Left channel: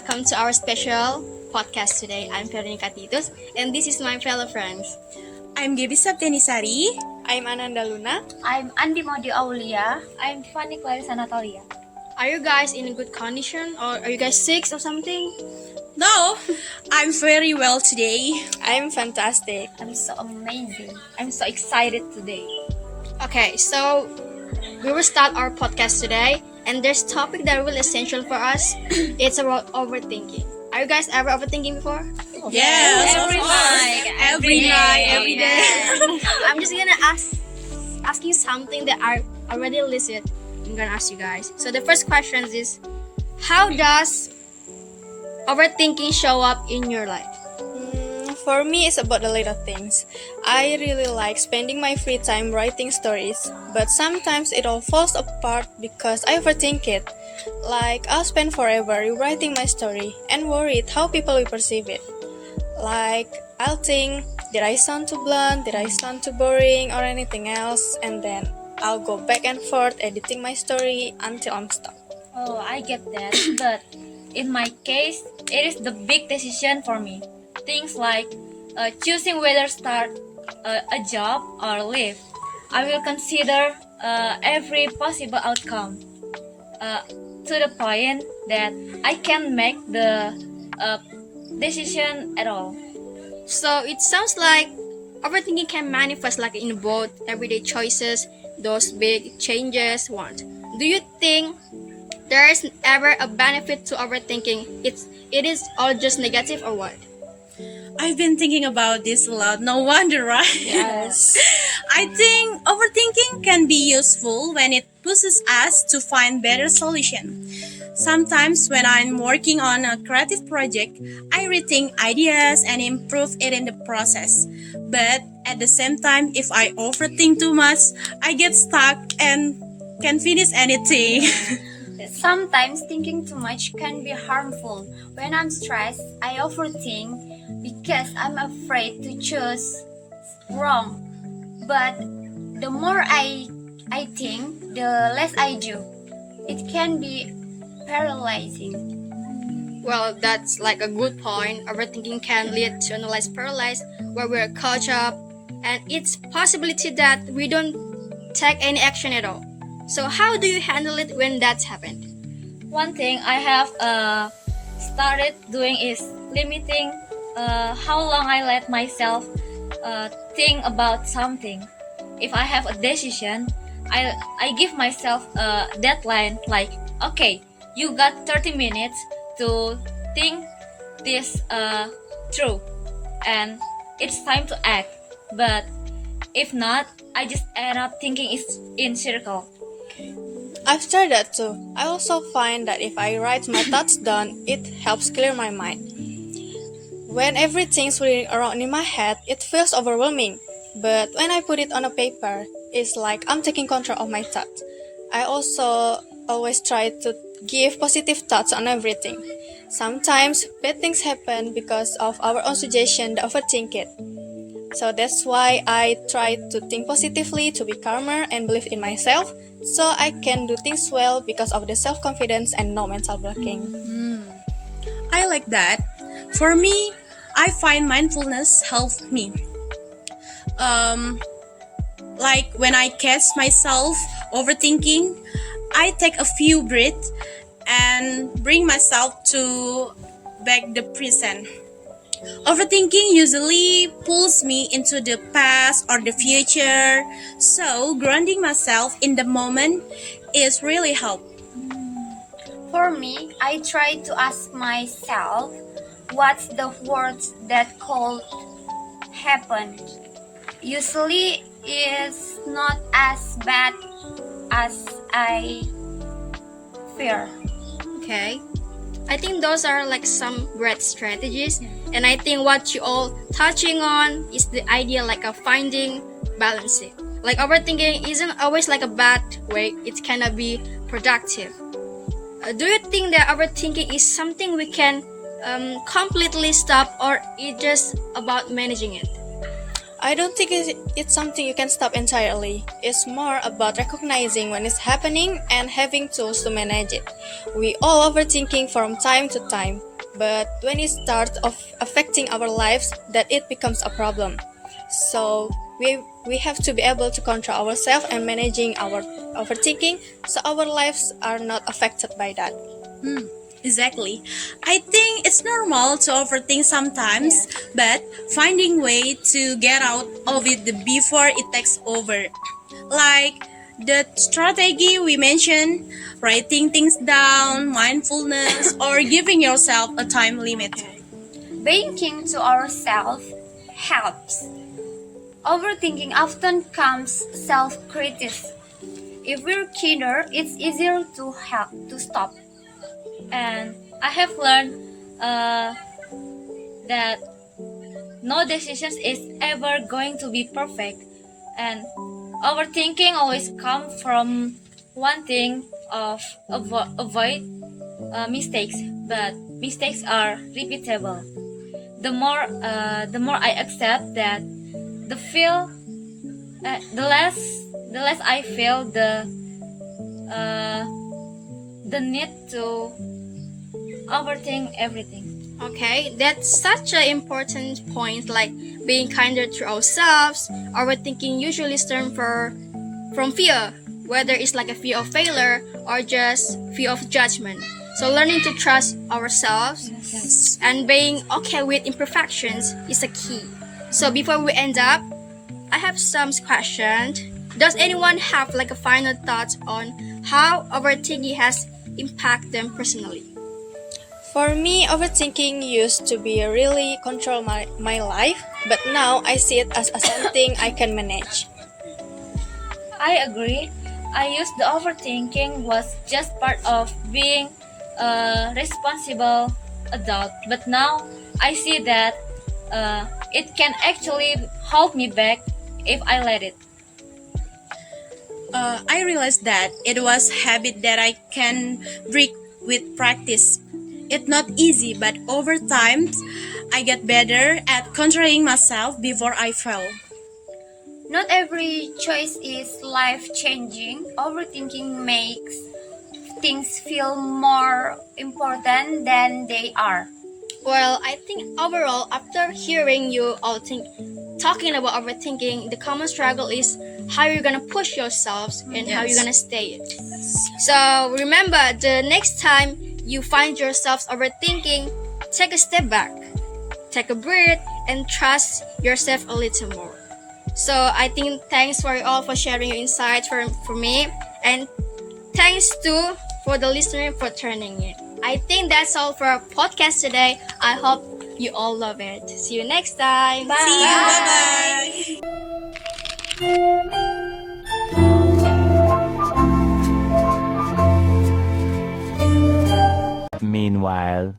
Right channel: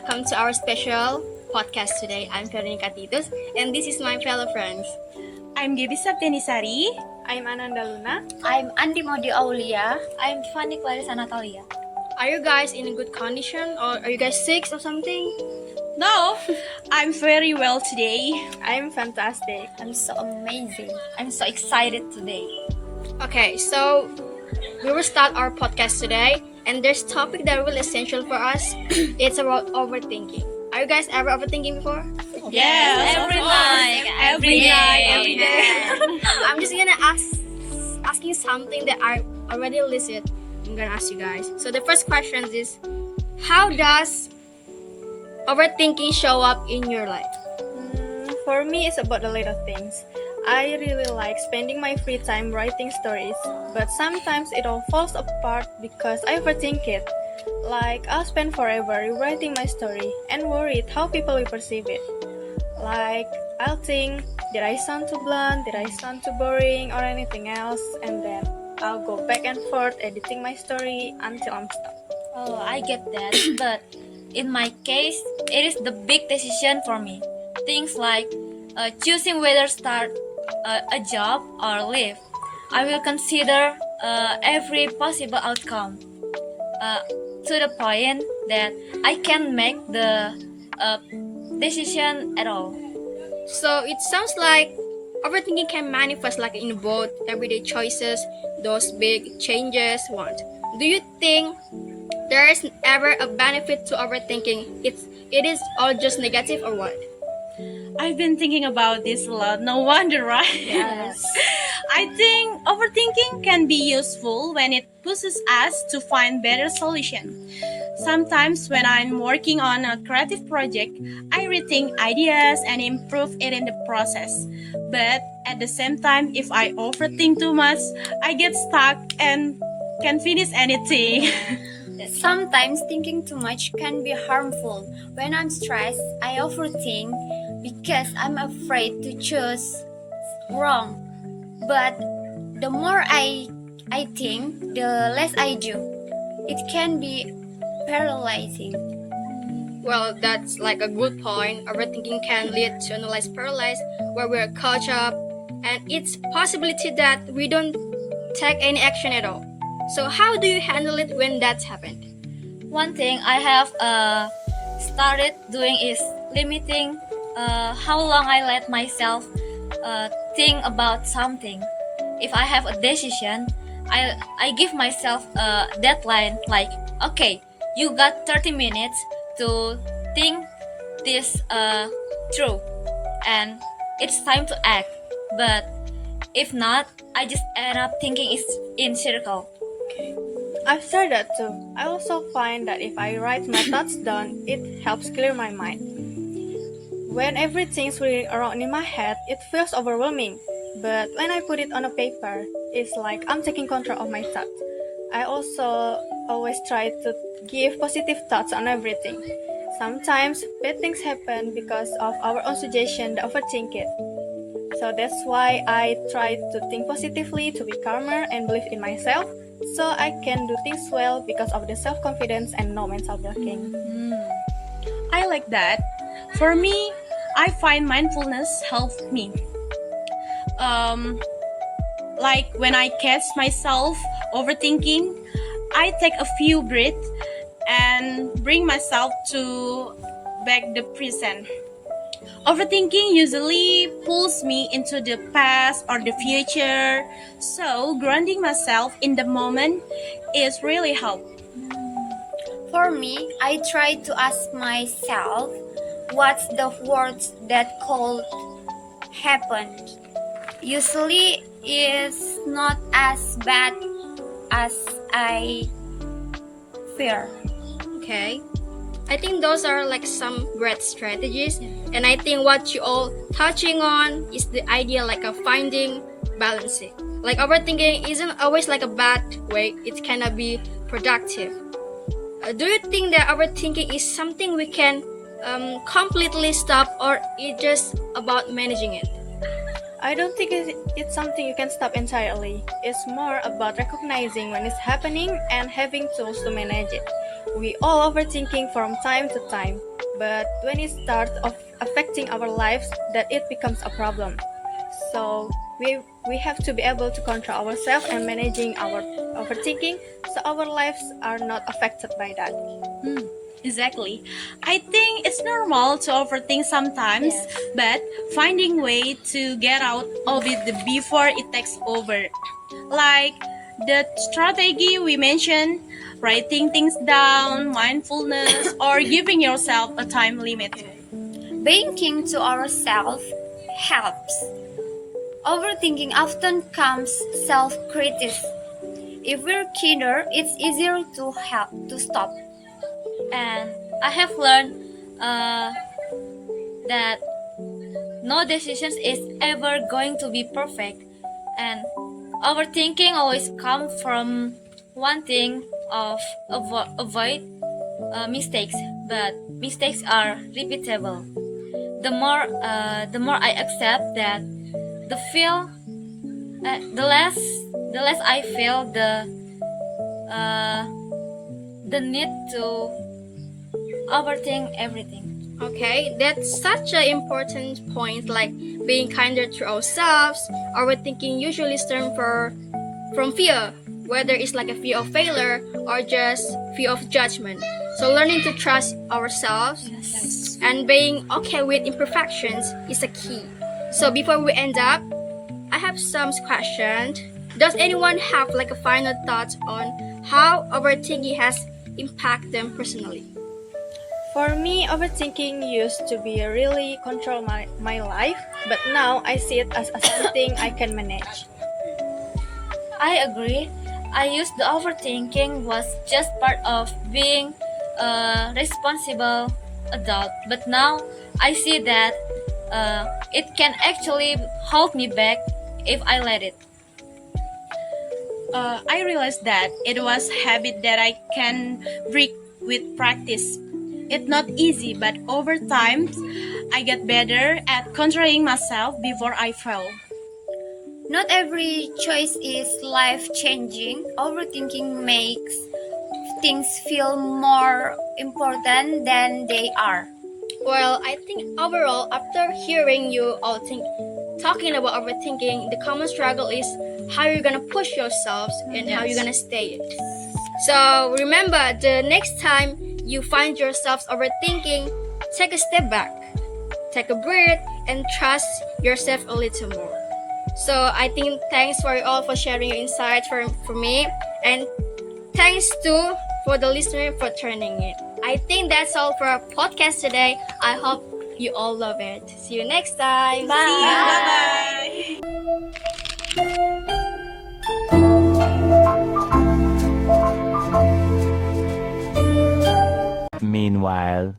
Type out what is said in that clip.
welcome to our special podcast today. I'm Veronica Titus, and this is my fellow friends. I'm Geby Saptiani Sari. I'm Ananda Luna. I'm Andi, maudy aulia. I'm Tiffany, Clarissa, Natalia. Are you guys in a good condition, or are you guys sick or something? No, I'm very well today. I'm fantastic. I'm so amazing. I'm so excited today. Okay, so we will start our podcast today, and there's a topic that will essential for us. It's about overthinking. Are you guys ever overthinking before? Yes, Every of course. night, Every night, every day. I'm just gonna ask you something that I already listed. I'm gonna ask you guys. So the first question is, how does overthinking show up in your life? For me, it's about the little things. I really like spending my free time writing stories, but sometimes it all falls apart because I overthink it. Like, I'll spend forever rewriting my story and worried how people will perceive it. Like, I'll think, did I sound too blunt, did I sound too boring, or anything else, and then I'll go back and forth editing my story until I'm stuck. Oh, I get that. But in my case, it is the big decision for me. Things like choosing whether start a job or leave. I will consider every possible outcome to the point that I can make the decision at all. So it sounds like overthinking can manifest like in both everyday choices, those big changes. What do you think? There is ever a benefit to overthinking? It is all just negative or what? I've been thinking about this a lot. No wonder, right? Yes. I think overthinking can be useful when it pushes us to find better solutions. Sometimes when I'm working on a creative project, I rethink ideas and improve it in the process. But at the same time, if I overthink too much, I get stuck and can't finish anything. Sometimes thinking too much can be harmful. When I'm stressed, I overthink because I'm afraid to choose wrong. But the more I think, the less I do. It can be paralyzing. Well, that's like a good point. Overthinking can lead to analyze paralysis, where we're caught up, and it's possibility that we don't take any action at all. So how do you handle it when that's happened? One thing I have started doing is limiting how long I let myself think about something. If I have a decision, I give myself a deadline like, okay, you got 30 minutes to think this through, and it's time to act. But if not, I just end up thinking it's in circle. I've started that too. I also find that if I write my thoughts down, it helps clear my mind. When everything's swirling around in my head, it feels overwhelming. But when I put it on a paper, it's like I'm taking control of my thoughts. I also always try to give positive thoughts on everything. Sometimes bad things happen because of our own suggestion that overthink it. So that's why I try to think positively, to be calmer and believe in myself, so I can do things well because of the self-confidence and no mental blocking. I like that. For me, I find mindfulness helps me. Like when I catch myself overthinking, I take a few breaths and bring myself to back the present. Overthinking usually pulls me into the past or the future, so grounding myself in the moment is really help. For me, I try to ask myself, what's the worst that could happen? Usually, it's not as bad as I fear. Okay. I think those are like some great strategies, and I think what you all touching on is the idea like of finding balancing. Like overthinking isn't always like a bad way; it cannot be productive. Do you think that overthinking is something we can completely stop, or it's just about managing it? I don't think it's something you can stop entirely. It's more about recognizing when it's happening and having tools to manage it. We all overthinking from time to time, but when it starts affecting our lives, that it becomes a problem. So we have to be able to control ourselves and managing our overthinking so our lives are not affected by that. Exactly. I think it's normal to overthink sometimes, but finding way to get out of it before it takes over. Like the strategy we mentioned, writing things down, mindfulness, or giving yourself a time limit. Being king to ourselves helps. Overthinking often comes self-criticism. If we're kinder, it's easier to help to stop. And I have learned that no decision is ever going to be perfect, and overthinking always comes from wanting of avoid mistakes, but mistakes are repeatable. The more I accept that, the less I feel the need to overthink everything. Okay, that's such an important point, like being kinder to ourselves. Overthinking usually stems from fear, whether it's like a fear of failure or just fear of judgment. So learning to trust ourselves and being okay with imperfections is a key. So before we end up, I have some questions. Does anyone have like a final thought on how overthinking has impacted them personally? For me, overthinking used to be really control my life, but now I see it as something I can manage. I agree. I used the overthinking was just part of being a responsible adult, but now I see that it can actually hold me back if I let it. I realized that it was habit that I can break with practice. It's not easy, but over time, I get better at controlling myself before I fail. Not every choice is life changing. Overthinking makes things feel more important than they are. Well, I think overall, after hearing you all talking about overthinking, the common struggle is how you're gonna push yourselves and how you're gonna stay it. So remember, the next time you find yourselves overthinking, take a step back, take a breath, and trust yourself a little more. So I think thanks for you all for sharing your insights for me, and thanks too for the listener for turning in. I think that's all for our podcast today. I hope you all love it. See you next time. See you. Bye bye. Meanwhile.